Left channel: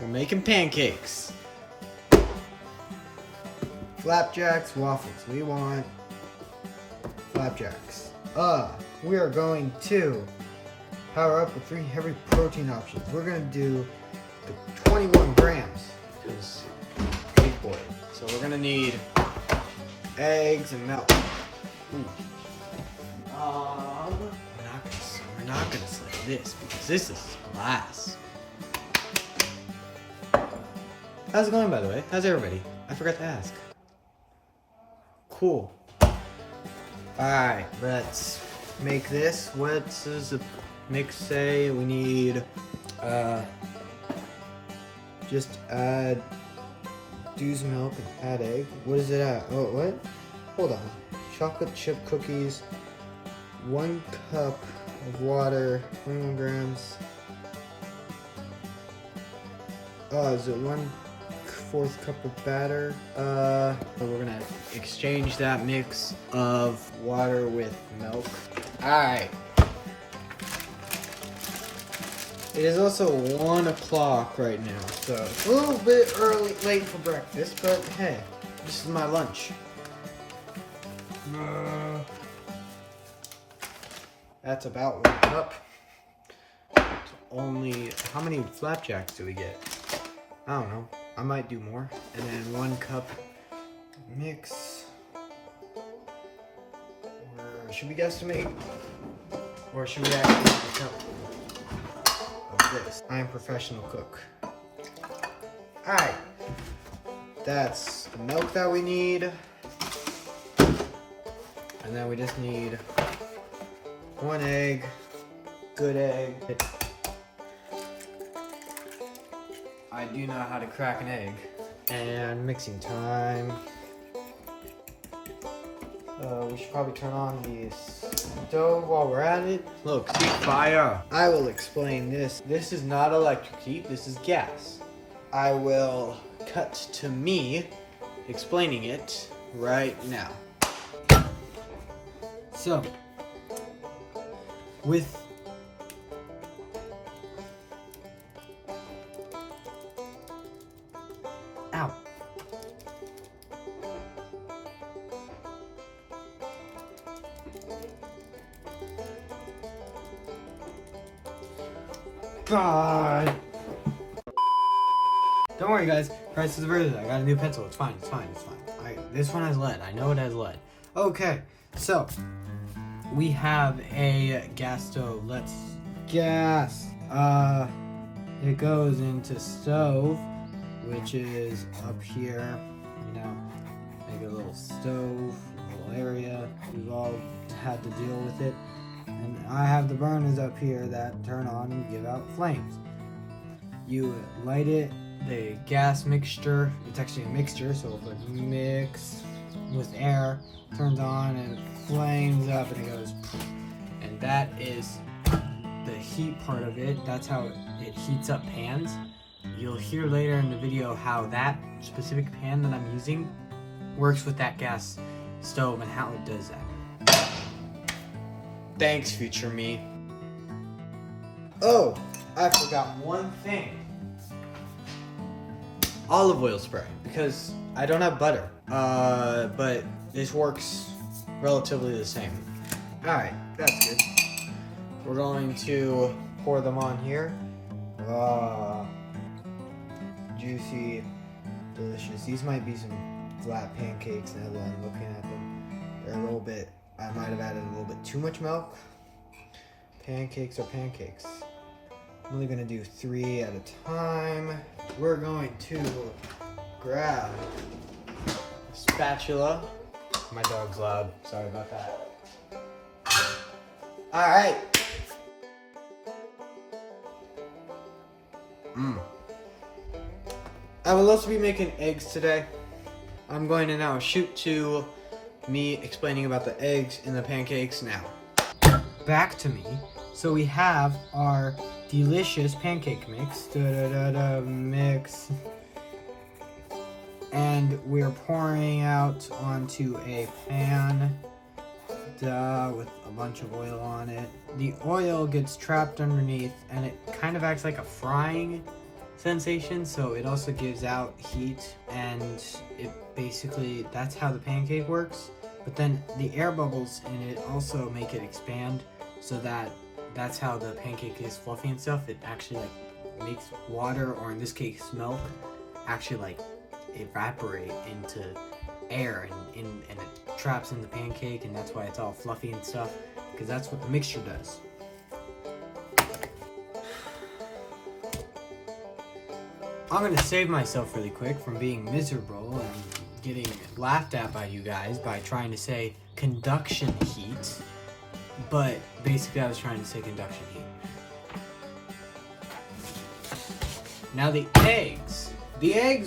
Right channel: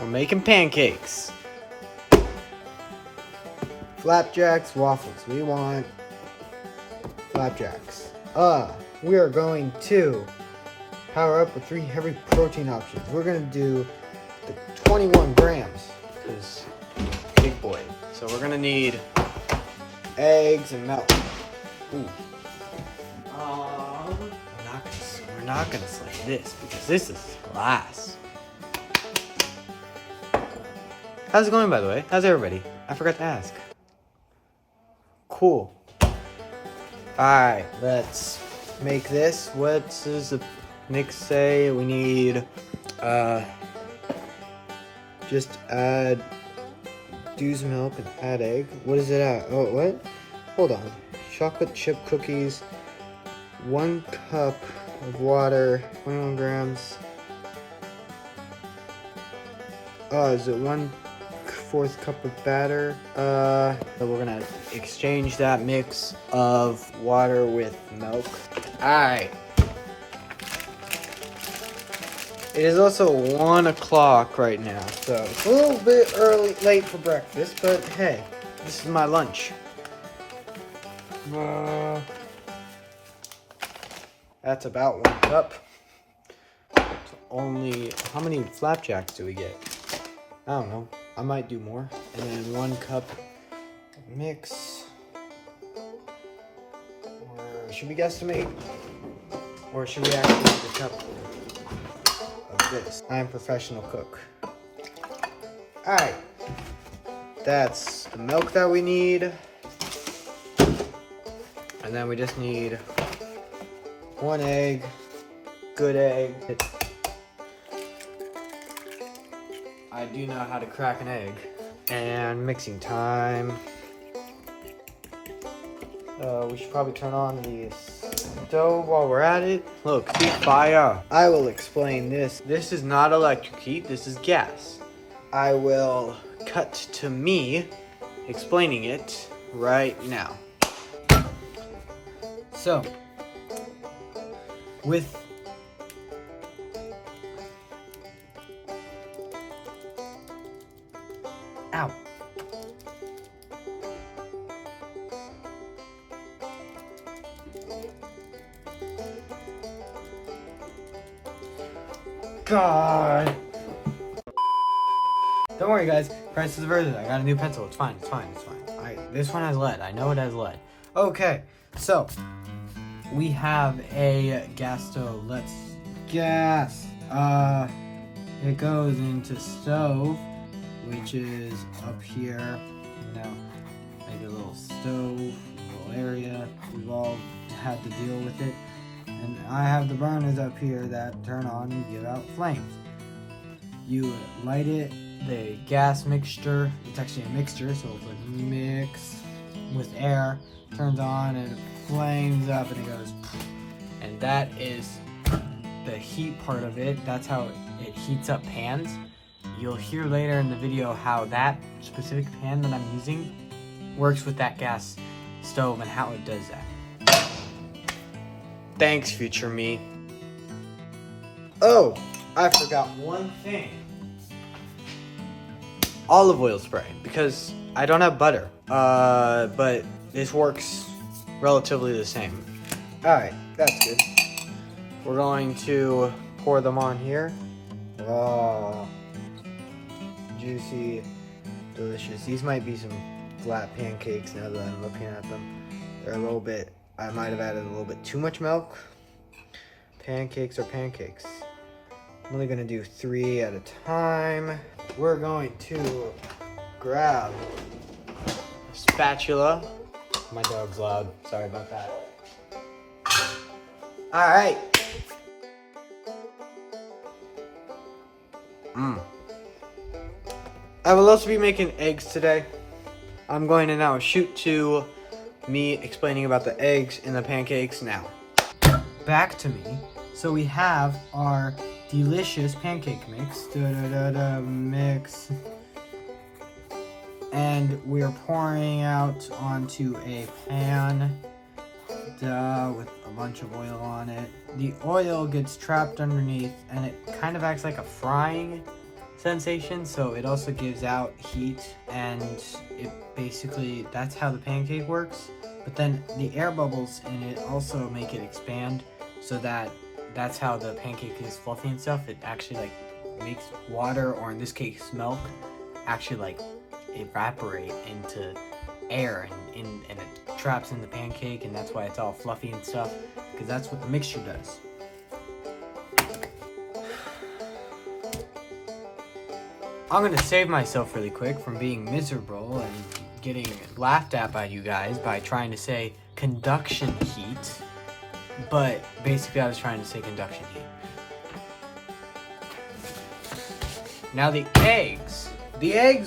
We're making pancakes. Flapjacks, waffles. We want flapjacks. We are going to power up with 3 heavy protein options. We're gonna do the 21 grams because big boy. So we're gonna need eggs and milk. Ooh. We're not gonna select this because this is glass. How's it going, by the way? How's everybody? I forgot to ask. Cool. Alright, let's make this. What does the mix say? We need, just add Dew's milk and add egg. What is it at? Oh, what? Hold on. Chocolate chip cookies, 1 cup of water, 21 grams. Oh, is it 1/4 cup of batter? So we're gonna exchange that mix of water with milk. Alright. It is also 1 o'clock right now, so it's a little bit late for breakfast, but hey, this is my lunch. That's about 1 cup. So only, how many flapjacks do we get? I don't know. I might do more. And then 1 cup mix. Or should we guesstimate? Or should we actually make a cup of this? I am a professional cook. Alright. That's the milk that we need. And then we just need 1 egg. Good egg. I do know how to crack an egg. And mixing time. We should probably turn on the stove while we're at it. Look, see fire. I will explain this. This is not electric heat, this is gas. I will cut to me explaining it right now. So, with ow. God. Don't worry, guys. Price is versus. I got a new pencil. It's fine. It's fine. It's fine. This one has lead. I know it has lead. Okay, so we have a gas stove. Let's gas. It goes into stove, which is up here. You know, make a little stove, a little area. We've all had to deal with it. And I have the burners up here that turn on and give out flames. You light it, the gas mixture, it's actually a mixture, so if it's mix with air, turns on and it flames up and it goes, and that is the heat part of it. That's how it heats up pans. You'll hear later in the video how that specific pan that I'm using works with that gas stove and how it does that. Thanks, future me. Oh, I forgot one thing. Olive oil spray, because I don't have butter. But this works relatively the same. Alright, that's good. We're going to pour them on here. Oh, juicy, delicious. These might be some flat pancakes now that I'm looking at them. They're a little bit, I might have added a little bit too much milk. Pancakes are pancakes. I'm only gonna do 3 at a time. We're going to grab a spatula. My dog's loud, sorry about that. All right. I will also be making eggs today. I'm going to now shoot to me explaining about the eggs and the pancakes now. Back to me. So we have our delicious pancake mix. Mix. And we're pouring out onto a pan with a bunch of oil on it. The oil gets trapped underneath and it kind of acts like a frying sensation, so it also gives out heat, and it basically, that's how the pancake works. But then the air bubbles in it also make it expand, so that's how the pancake is fluffy and stuff. It actually like makes water, or in this case milk, actually like evaporate into air, and it traps in the pancake, and that's why it's all fluffy and stuff, because that's what the mixture does. I'm gonna save myself really quick from being miserable and getting laughed at by you guys by trying to say conduction heat, but basically I was trying to say conduction heat. Now the eggs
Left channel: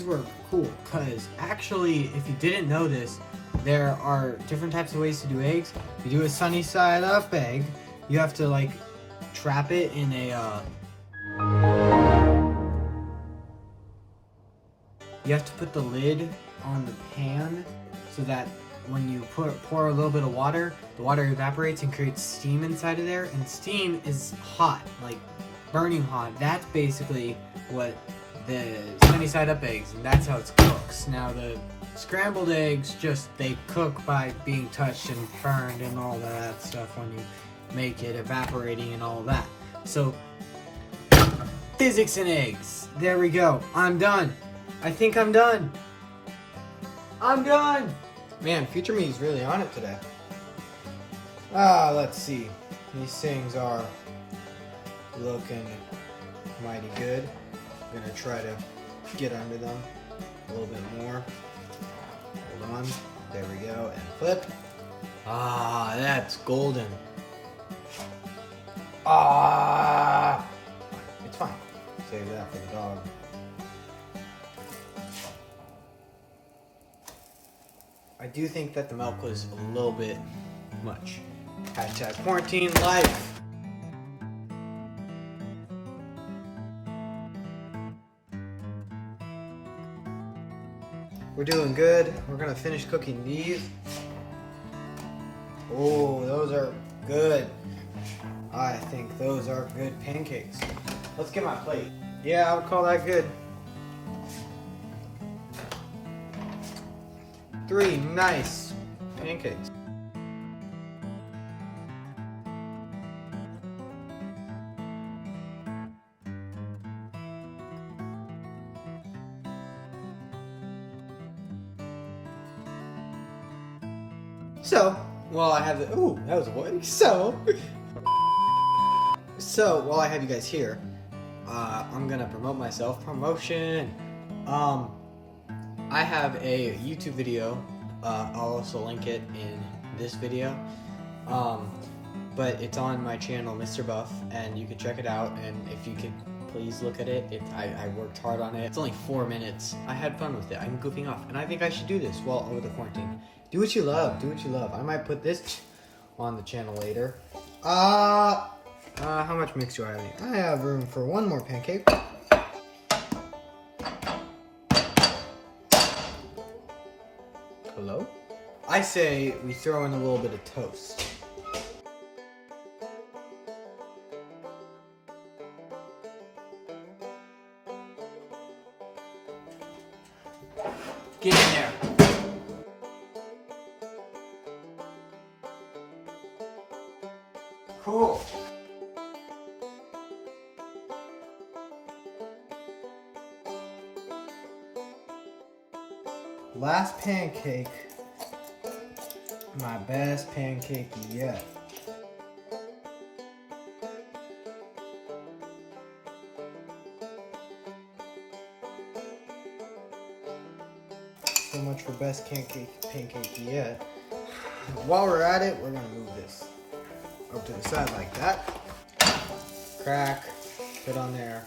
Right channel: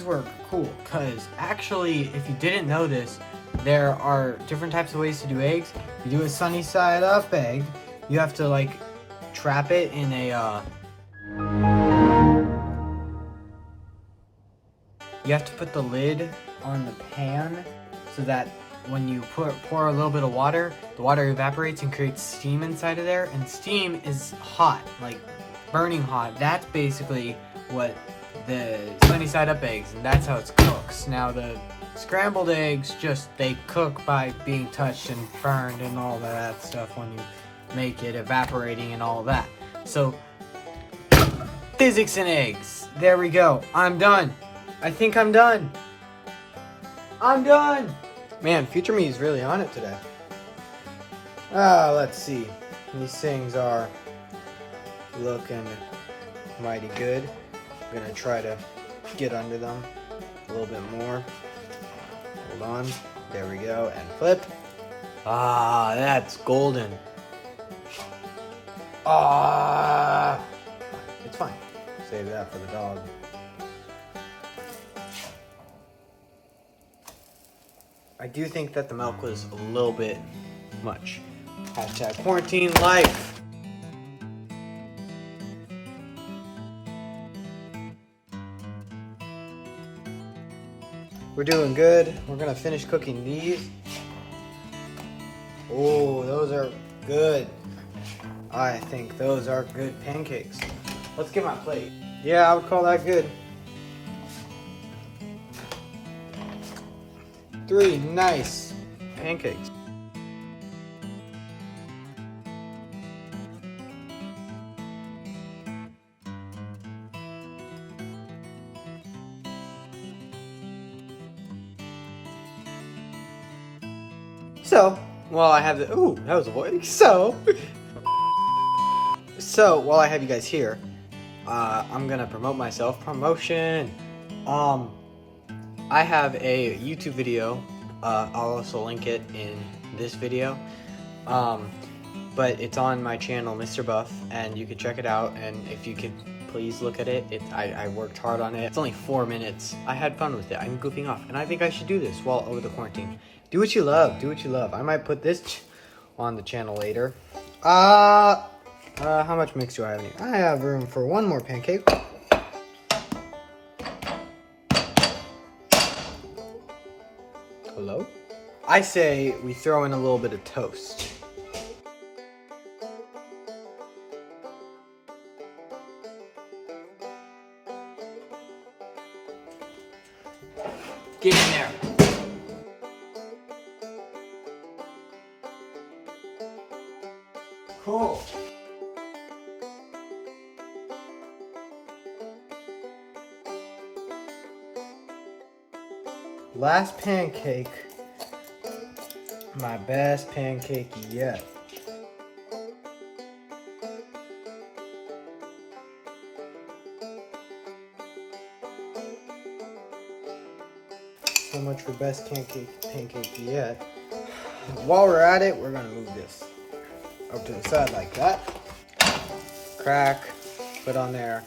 were cool, because actually, if you didn't notice, there are different types of ways to do eggs. You do a sunny side up egg, you have to like trap it in a you have to put the lid on the pan so that when you pour a little bit of water, the water evaporates and creates steam inside of there, and steam is hot, like burning hot. That's basically what the sunny side up eggs, and that's how it cooks. Now the scrambled eggs, they cook by being touched and burned and all that stuff when you make it, evaporating and all that. So physics and eggs, there we go. I'm done. I think I'm done. I'm done. Man, Future Me is really on it today. Let's see. These things are looking mighty good. I'm gonna try to get under them a little bit more. Hold on. There we go. And flip. That's golden. It's fine. Save that for the dog. I do think that the milk was a little bit much. Hashtag quarantine life. We're doing good. We're gonna finish cooking these. Oh, those are good. I think those are good pancakes. Let's get my plate. Yeah, I would call that good. 3 nice pancakes. So, while I have the, ooh, that was a voice. So while I have you guys here, I'm gonna promote myself. Promotion. I have a YouTube video. I'll also link it in this video. But it's on my channel, Mr. Buff, and you can check it out. And if you could please look at it, I worked hard on it. It's only 4 minutes. I had fun with it. I'm goofing off, and I think I should do this while over the quarantine. Do what you love. Do what you love. I might put this on the channel later. How much mix do I have in here? I have room for one more pancake. Hello? I say we throw in a little bit of toast. Get in there. Cool. Last pancake. My best pancake yet. So much for best pancake yet. While we're at it, we're gonna move this up to the side like that. Crack, put on there.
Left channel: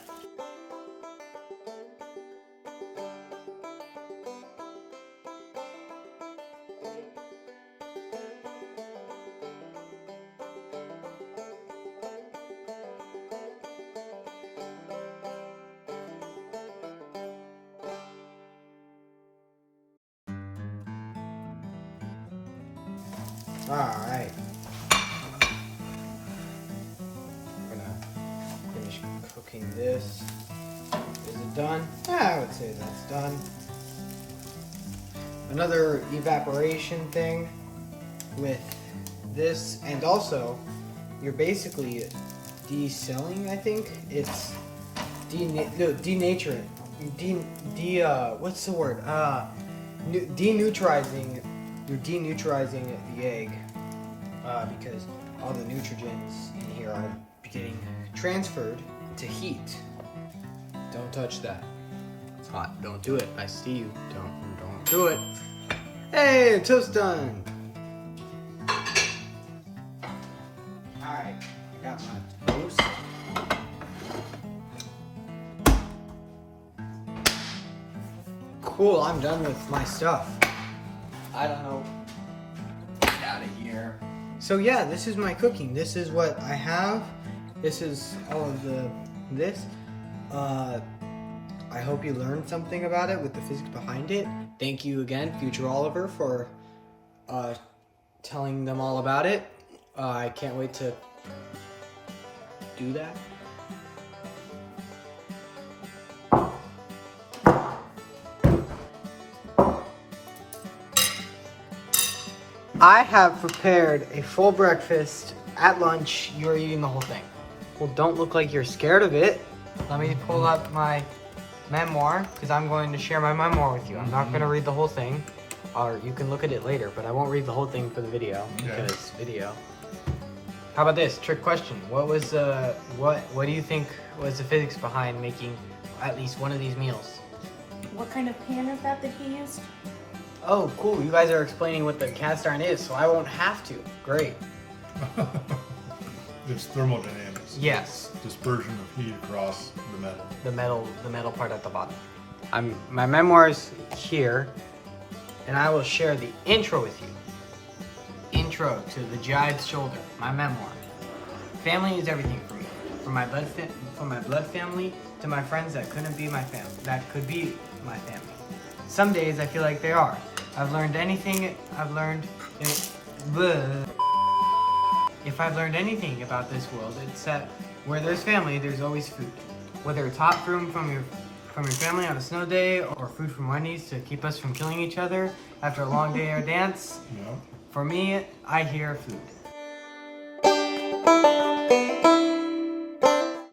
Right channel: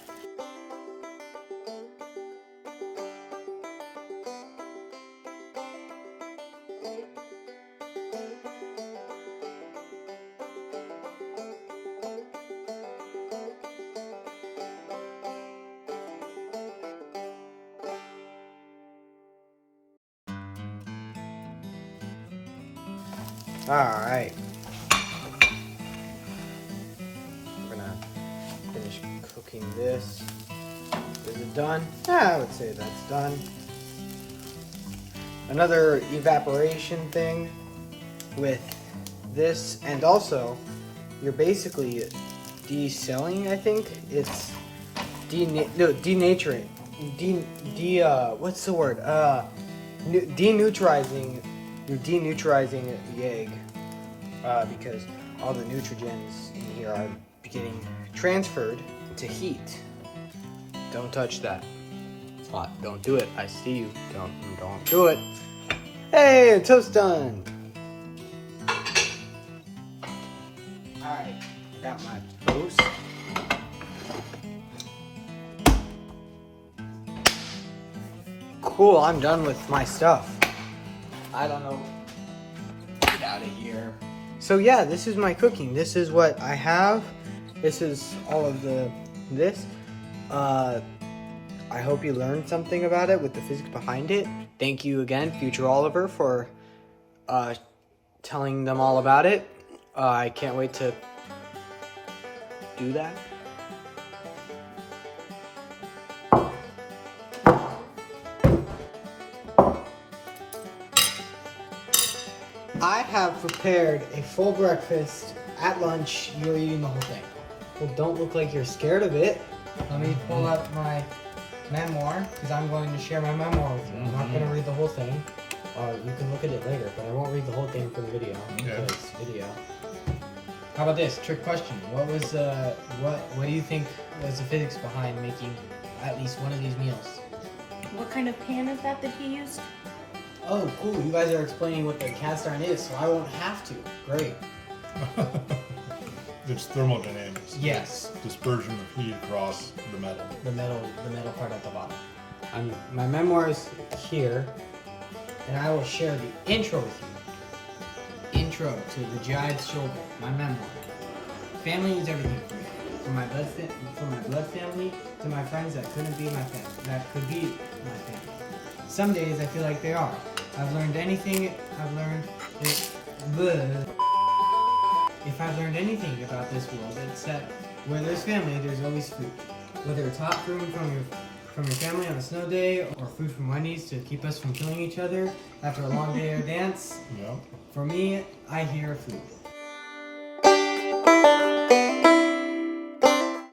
Alright. We're gonna finish cooking this. Is it done? Yeah, I would say that's done. Another evaporation thing with this, and also you're basically de-selling, I think. It's denaturing. What's the word? Deneutralizing. You're deneutralizing the egg because all the nutrients in here are getting transferred to heat. Don't touch that. It's hot. Don't do it. I see you. Don't do it. Hey, toast done. Alright, got my toast. Cool, I'm done with my stuff. I don't know. Get out of here. So yeah, this is my cooking. This is what I have. This is all of this. I hope you learned something about it with the physics behind it. Thank you again, Future Oliver, for telling them all about it. I can't wait to do that. I have prepared a full breakfast. At lunch, you're eating the whole thing. Well, don't look like you're scared of it. Let me pull up my memoir, because I'm going to share my memoir with you. I'm not going to read the whole thing, or you can look at it later, but I won't read the whole thing for the video, because it's video. How about this? Trick question. What was what do you think was the physics behind making at least one of these meals? What kind of pan is that he used? Oh, cool. You guys are explaining what the cast iron is, so I won't have to. Great. It's thermodynamics. Yes. It's dispersion of heat across the metal. The metal part at the bottom. My memoir is here, and I will share the intro with you. Intro to The Giant's Shoulder, my memoir. Family is everything for me. From my blood family to my friends that couldn't be my family, that could be my family. Some days I feel like they are. I've learned anything. If I've learned anything about this world, it's that where there's family, there's always food. Whether it's hot food from your family on a snow day, or food from Wendy's to keep us from killing each other after a long day or dance. Yeah. For me, I hear food.